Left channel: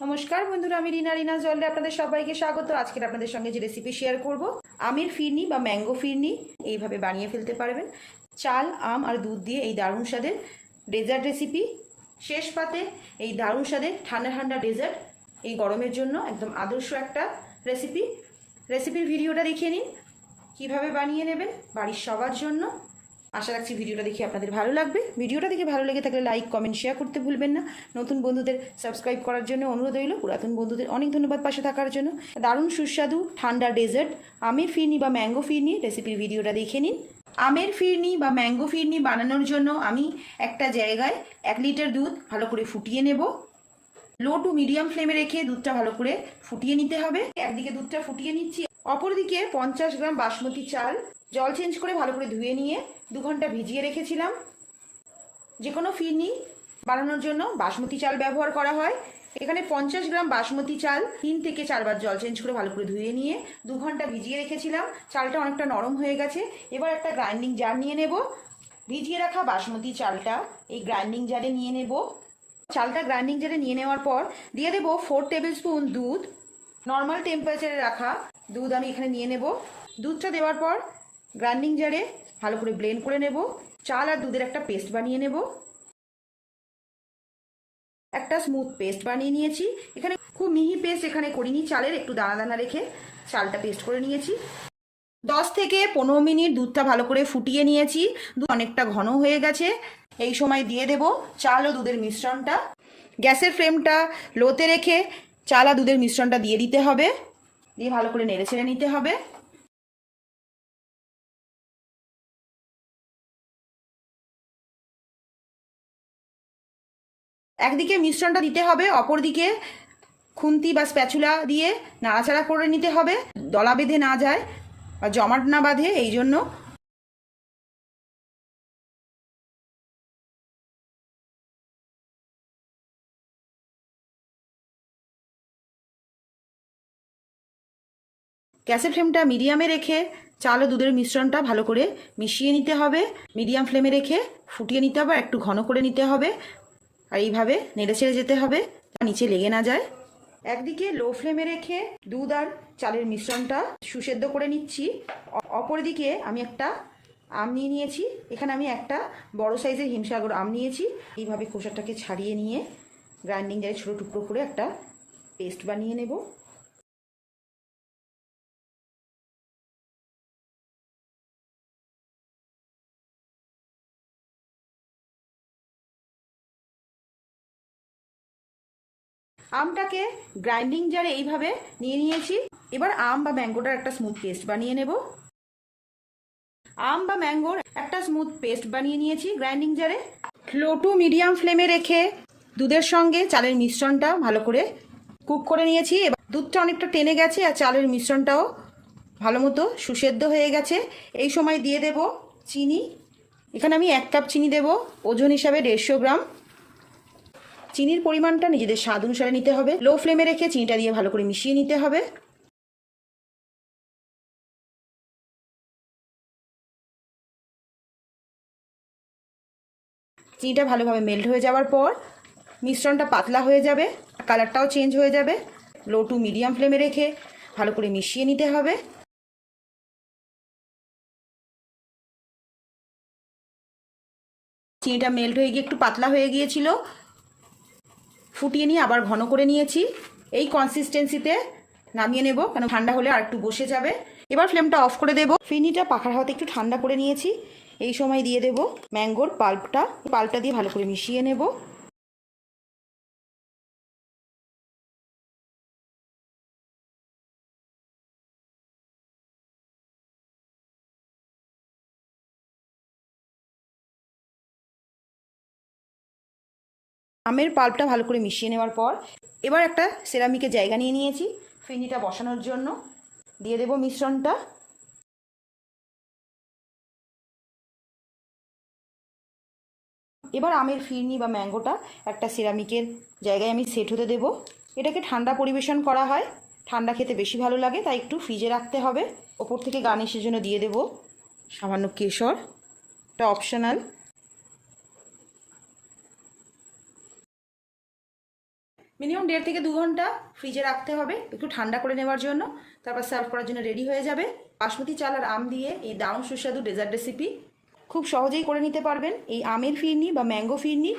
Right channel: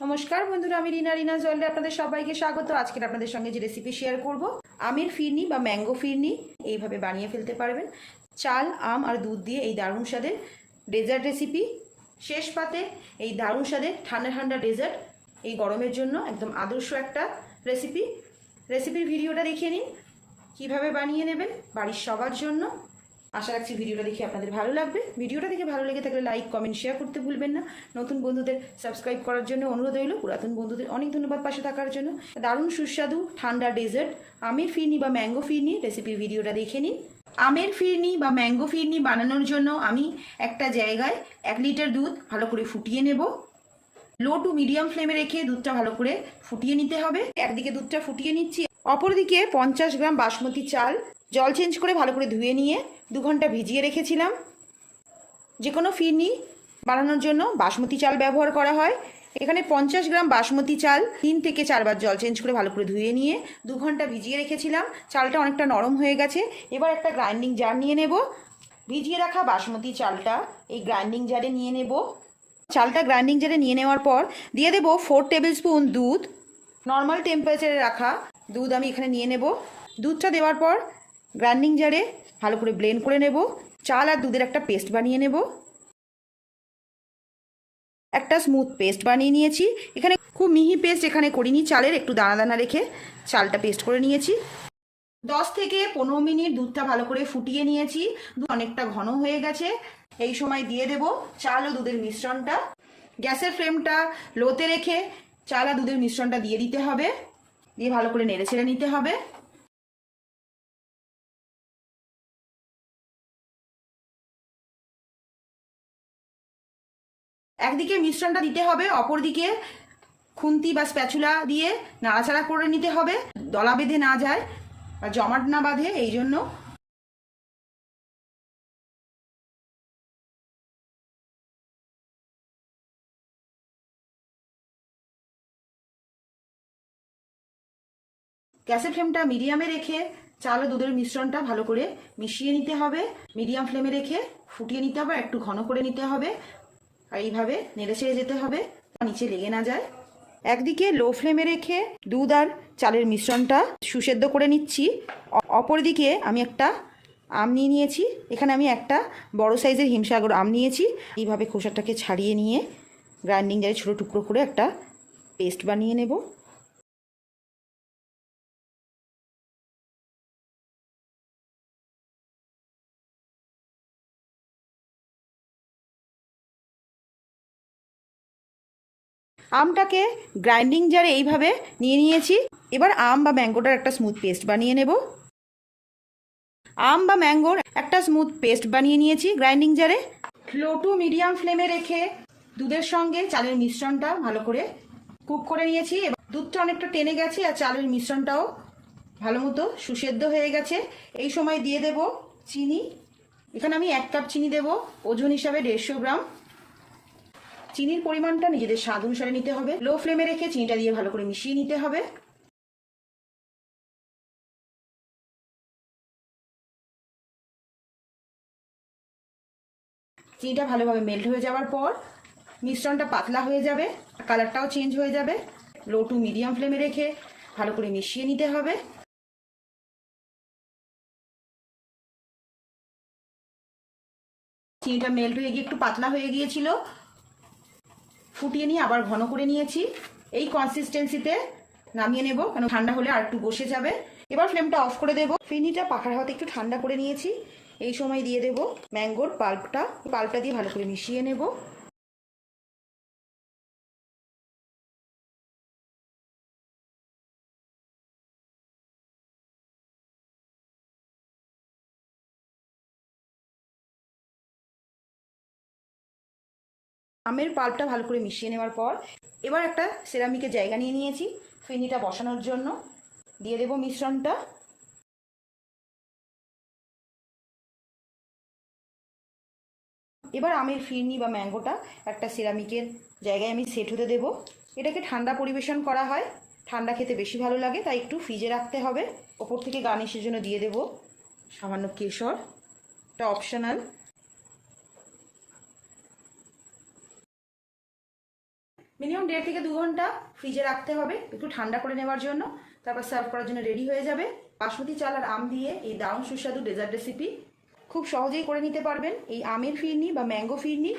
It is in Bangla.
নমস্কার বন্ধুরা, আমি রিনা। রিনা জলে আপনাদের সবাইকে স্বাগত। আজকের আপনাদের সঙ্গে যে রেসিপি শেয়ার করব, আমের ফিরনি বা ম্যাঙ্গো ফিরনি, এইভাবে বানিয়ে ফেলতে পারবেন। চাল, আম আর দুধ দিয়ে এই দারুণ স্বাদের ডেজার্ট রেসিপি শেষ পাতে এই দারুণ স্বাদের ঠান্ডা ঠান্ডা ডেজার্ট এই গরমের জন্য একদম আদর্শ একটা রেসিপি রেসিপির ভিডিওটা দেখিয়ে নিন, কীভাবে বানিয়ে নেবেন বাড়ির সবার জন্য। আশা রাখছি ভিডিওটা দেখে আপনাদের ভালো লাগবে। ভিডিওটা দেখে ভালো লেগে থাকলে লাইক, কমেন্ট, শেয়ার করতে ভুলবেন না। নতুন বন্ধুদের সাবস্ক্রাইব করার জন্য অনুরোধ রইল। পুরাতন বন্ধুদের অনেক ধন্যবাদ পাশে থাকার জন্য। দারুণ সুস্বাদু ঠান্ডা ডেজার্ট, আমের ফিরনি বা ম্যাঙ্গো ফিরনি, রেসিপির ভিডিওটা দেখে নিন। আমের ফিরনি বা ম্যাঙ্গো ফিরনি বানানোর জন্য আমি একটা জায়গায় এক লিটার দুধ ভালো করে ফুটিয়ে নেব। লো টু মিডিয়াম ফ্লেমে রেখে দুধটা ভালো করে ফুটিয়ে নিতে হবে। একদিকে দুধটা ফুটিয়ে নিচ্ছি। অপরদিকে পঞ্চাশ গ্রাম বাসমতি চাল জল চেঞ্জ করে ভালো করে ধুয়ে নিয়ে দু ঘণ্টা ভিজিয়ে রেখেছিলাম। যে কোনো ফিরনি বানানোর জন্য বাসমতি চাল ব্যবহার করা হয়। এখানে পঞ্চাশ গ্রাম বাসমতি চাল, তিন থেকে চারবার জল চেঞ্জ করে ভালো করে ধুয়ে নিয়ে দু ঘণ্টা ভিজিয়ে রেখেছিলাম। চালটা অনেকটা নরম হয়ে গেছে। এবার একটা গ্রাইন্ডিং জার নিয়ে নেব। ভিজিয়ে রাখা বাসমতি চালটা এই গ্রাইন্ডিং জারে নিয়ে নেব। চালটা গ্রাইন্ডিং জারে নিয়ে নেওয়ার পর দিয়ে দেবো ফোর টেবিল স্পুন দুধ নর্মাল টেম্পারেচারে রাখা দুধ আমি এখানে নিয়ে নেব। দুধটা দেওয়ার পর গ্রাইন্ডিং জারে ভালো করে ব্লেন্ড করে নেব। চাল আর দুধের একটা পেস্ট বানিয়ে নেব। একটা স্মুথ পেস্ট বানিয়ে নিয়েছি। এখানে খুব মিহি পেস্ট এখানে করিনি চালের, একটু দানা দানা রেখে চালটা পেস্ট করে নিয়েছি। দশ থেকে পনেরো মিনিট দুধটা ভালো করে ফুটিয়ে নিয়েছি। দুধ অনেকটা ঘন হয়ে গেছে। এই সময় দিয়ে দেব চাল ও দুধের মিশ্রণটা। গ্যাসের ফ্লেমটা লোতে রেখে চাল আর দুধের মিশ্রণটা দিয়ে দিতে হবে। দিয়ে ভালো করে নেড়ে ছেড়ে নিতে হবে। একদিকে মিশ্রণটা দিতে হবে, অপরদিকে খুন্তি বা স্প্যাচুলা দিয়ে নাড়াচাড়া করে নিতে হবে, দলা বেঁধে না যায় বা জমাট না বাঁধে, এই জন্য গ্যাসের ফ্লেমটা মিডিয়ামে রেখে চাল ও দুধের মিশ্রণটা ভালো করে মিশিয়ে নিতে হবে, মিডিয়াম ফ্লেমে রেখে ফুটিয়ে নিতে হবে একটু ঘন করে নিতে হবে। আর এইভাবে নেড়ে ছেড়ে যেতে হবে নিচে লেগে না যায়। একদিকে লো ফ্লেমে রেখে দুধ আর চালের মিশ্রণটা সুসেদ্ধ করে নিচ্ছি। অপরদিকে আমি একটা আম নিয়ে নিয়েছি। এখানে আমি একটা বড় সাইজের হিমসাগর আম নিয়েছি। এইভাবে খোসাটাকে ছাড়িয়ে নিয়ে গ্রাইন্ডিং জারে ছোটো টুকরো করে একটা পেস্ট বানিয়ে নেব। আমটাকে গ্রাইন্ডিং জারে এইভাবে নিয়ে নিয়েছি। এবার আম বা ম্যাঙ্গোটার একটা স্মুথ পেস্ট বানিয়ে নেব। আম বা ম্যাঙ্গোর একটা স্মুথ পেস্ট বানিয়ে নিয়েছি গ্রাইন্ডিং জারে লো টু মিডিয়াম ফ্লেমে রেখে দুধের সঙ্গে চালের মিশ্রণটা ভালো করে কুক করে নিয়েছি। এবার দুধটা অনেকটা টেনে গেছে আর চালের মিশ্রণটাও ভালো মতো সুসেদ্ধ হয়ে গেছে। এই সময় দিয়ে দেব চিনি। এখানে আমি এক কাপ চিনি দেব। ওজন হিসাবে দেড়শো গ্রাম। চিনির পরিমাণটা নিজেদের স্বাদ অনুসারে নিতে হবে। লো ফ্লেমে রেখে চিনিটা দিয়ে ভালো করে মিশিয়ে নিতে হবে। চিনিটা ভালোভাবে মেল্ট হয়ে যাওয়ার পর মিশ্রণটা পাতলা হয়ে যাবে কালারটাও চেঞ্জ হয়ে যাবে। লো টু মিডিয়াম ফ্লেমে রেখে ভালো করে মিশিয়ে নিতে হবে। চিনিটা মেল্ট হয়ে গিয়ে একটু পাতলা হয়ে গিয়েছিল। ফুটিয়ে নিয়ে আবার ঘন করে নিয়েছি। এই কনসিস্টেন্সিতে নামিয়ে নেব, কেন ঠান্ডা হলে আর একটু বসে যাবে। এবার ফ্লেমটা অফ করে দেব। ফিনিটা পাখার হাতে একটু ঠান্ডা করে নিয়েছি। এই সময় দিয়ে দেব ম্যাঙ্গোর পাল্পটা পাল্পটা দিয়ে ভালো করে মিশিয়ে নেব। আমের পাল্পটা ভালো করে মিশিয়ে নেওয়ার পর এবার একটা সেরামিকের জায়গা নিয়ে নিয়েছি। ফিনিটা বসানোর জন্য। দিয়ে দেব মিশ্রণটা। এবার আমের ফিরনি বা ম্যাঙ্গোটা একটা সিরামিকের জায়গায় আমি সেট হতে দেব। এটাকে ঠান্ডা পরিবেশন করা হয়। ঠান্ডা খেতে বেশি ভালো লাগে, তাই একটু ফ্রিজে রাখতে হবে। ওপর থেকে গার্নিশের জন্য দিয়ে দেব সামান্য কেশর। এটা অপশনাল মিনিমাম দেড় থেকে দু ঘণ্টা ফ্রিজে রাখতে হবে, একটু ঠান্ডা করে নেওয়ার জন্য, তারপর সার্ভ করার জন্য রেডি হয়ে যাবে। বাসমতি চাল আর আম দিয়ে এই দারুণ সুস্বাদু ডেজার্ট রেসিপি খুব সহজেই করে নিতে পারবেন। এই আমের ফিরনি বা ম্যাঙ্গো ফিরনি